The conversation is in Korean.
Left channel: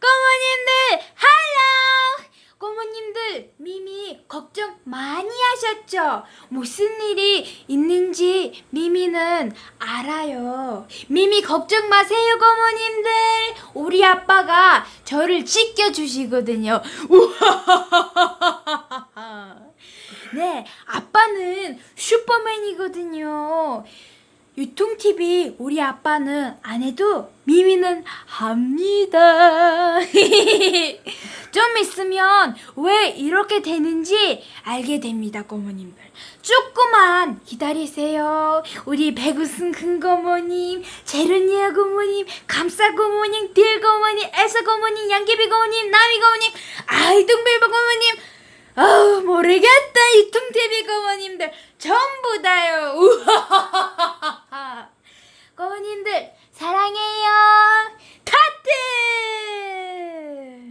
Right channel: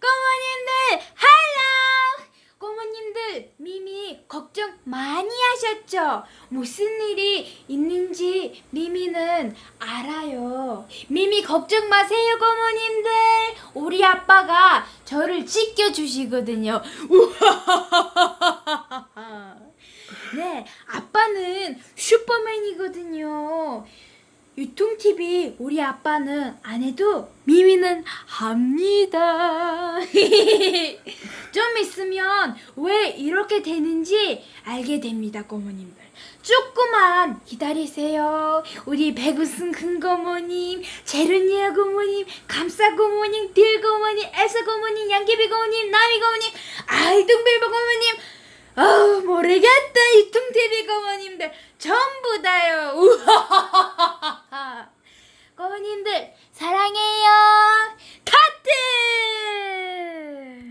고모님들 할로 고모님들 미미 걱정 많이 하셨죠? 무슨 일이 있는지 미미는 알아요. 미미 걱정 마세요 고모님들. 우리 아빠가 저를 지켜주시거든요. 우하하하하하. 네, 아빠는 슈퍼맨이거든요. 유통TV 우리 아빠는 안 해도 미미는 합니다. 좀 있으면 왜 이렇게 되는지 알게 됩니다, 고모님들. 조금만 기다리세요. 우리 배구승 큰 고모님, 제르니아 고모님, 감사 고모님, 딜 고모님, 에서 고모님, 양귀비 고모님, 나미 고모님, 아이둥빌보 고모님, 아우 모르겠다 이 퉁TV 고모님들 전부 다요 우하